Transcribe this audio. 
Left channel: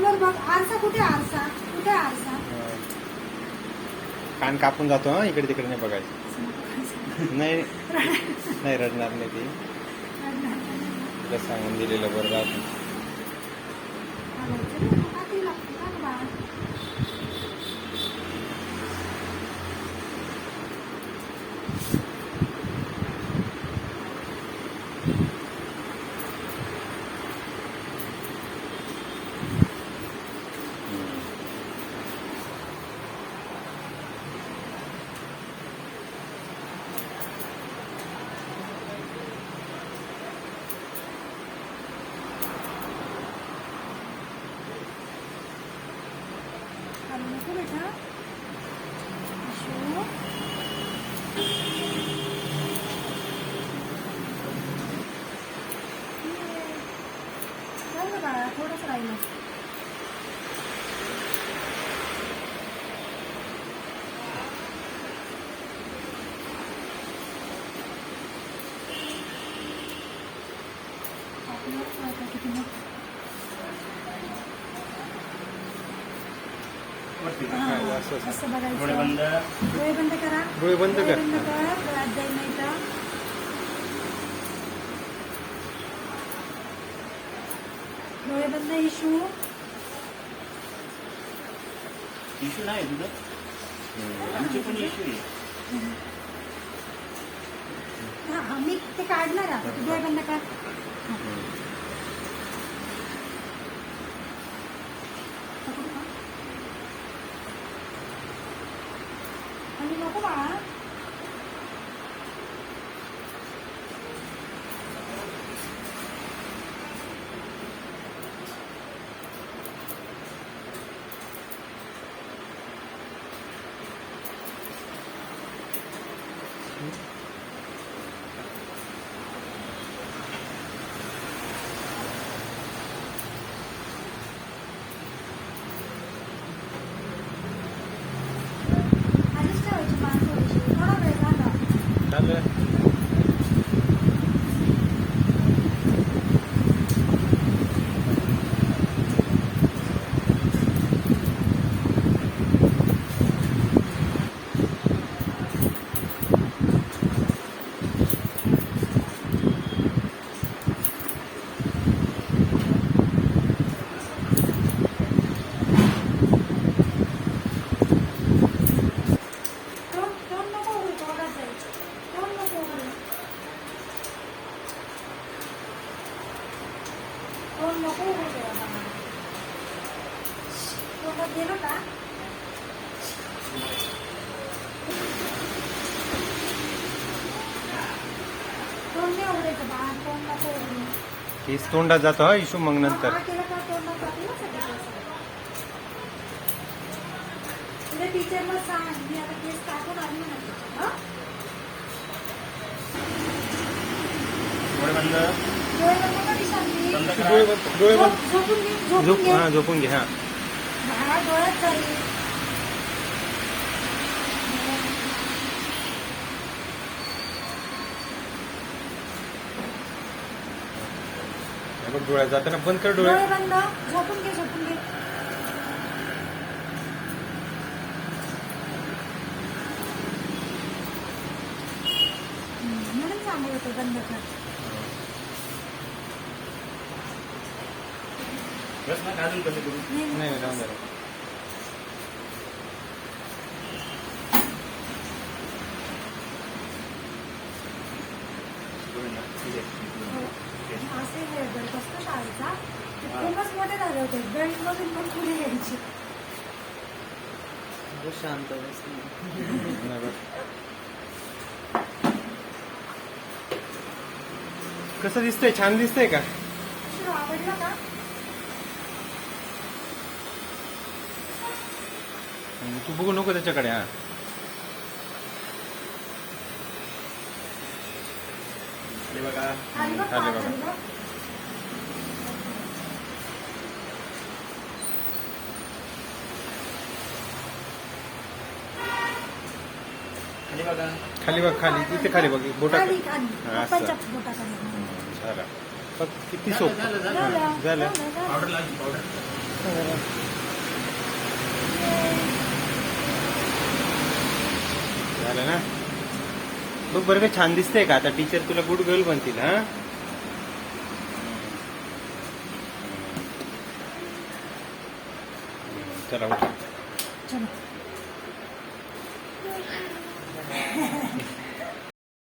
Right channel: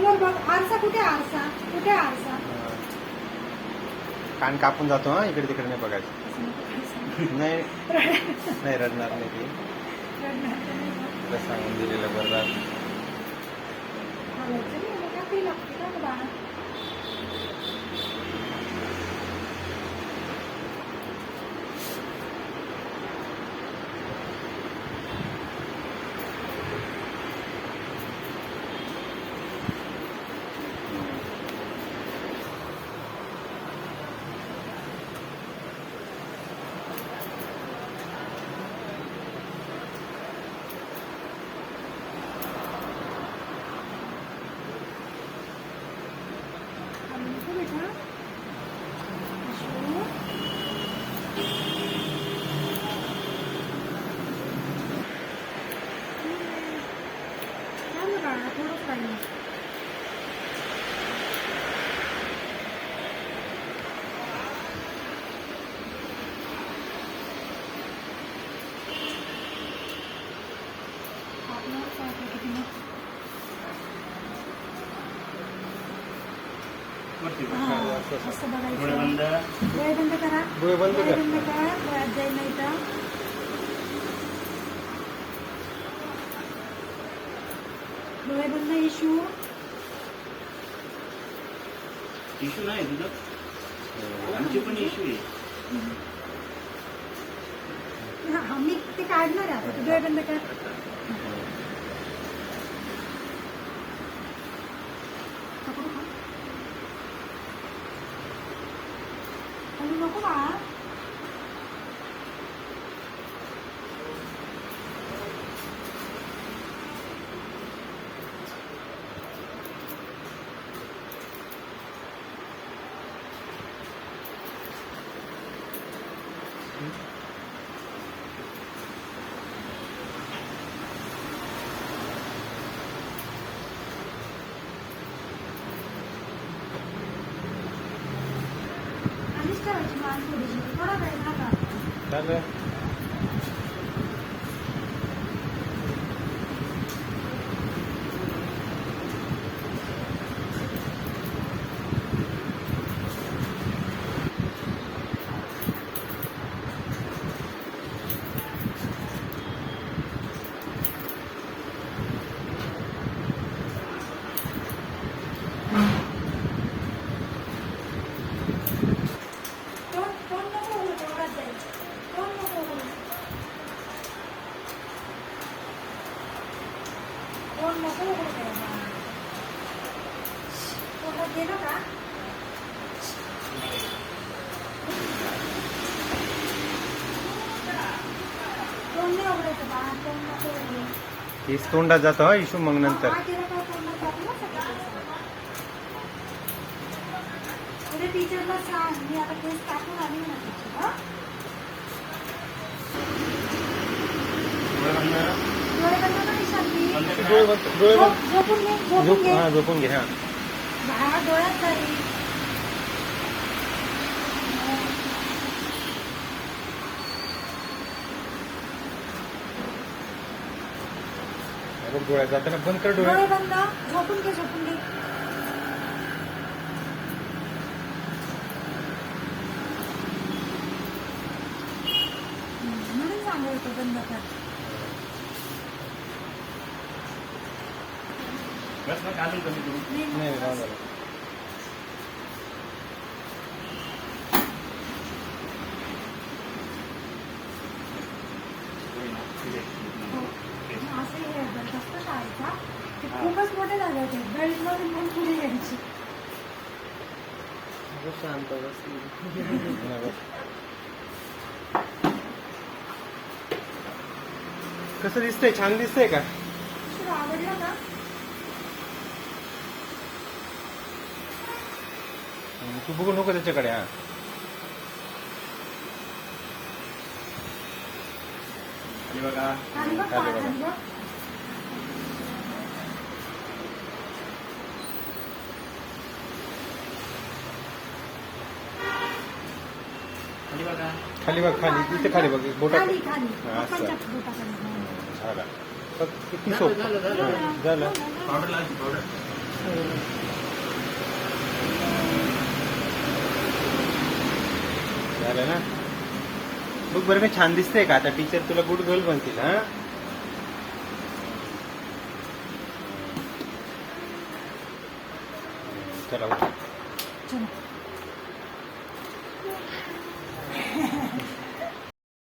समोर बघ. आरसा कुठे आरसा? कुठे आरसा? कान कापून जातो हा, इकडे तिकडे नाही बघायचं. नाही नाही रडणार नाही ती. तुला सांगून दिलेलं बरं राहत. असं बघायचं. डोळे बंद. डोळे बंद करा. डोळे बंद कर. बंद करा. डोळ्यात जाईल नाही का? डोळे बंद. इशू इश्यू नाही तुझं, आमचे पण इश्यू आहे. आम्ही ते काढणार आता. डोळे बंद कर. आणि नको बाळा. आधीच ठेवायची माणसं थोडा वेळ झाला. चालू गेलो का? कोण नाही आवडायचं बाळा. कोण नको आवडू. केस तोंडात जातो हा इशू मग नंतर. तिला काय तोंडात टाकलं सगळं. तुझ्या टीचरला सांग मी आता केस टाकून आली ना टीचर. डोळे बंद. डोळे बंद कर शांती. बंद करा. डोळे बंद. डोळे बंद. झोपून घे. झोपून घे. झोपून घे. हा हा डोळ्यात जाईल. डोळ्यात जाताना बंद कर डोळे. डोळे बंद. झोपून घे. झोपून घे. म्हणून सांगू होतो बंद कर. बस मग अजून कमी करू. नाही नाही राहू दे. डोळे ना. ठीक आहे. असं जबरदस्त शाळेचा खूपच मोठे झाले होते. बेल्ट मधून पण पुढे यायची. शांत कसं दिसतंय? छान दिसतंय का? आवडलं का? तू बघू नको त्याच्याकडे. हा आणि बघा. चालेल बघा. आणि बघा. खाली बघ. खाली इथे खाली बघ. बोटा खाली खाली हा, असं. हाताच्या बोटाखाली. झाला. किती सोप झालं. पावडर लागली पावडर. झालं ना. बघ बरं का छान दिसतंय का? आता टीचर तुला गुड गर्ल म्हणतील हा. चला चला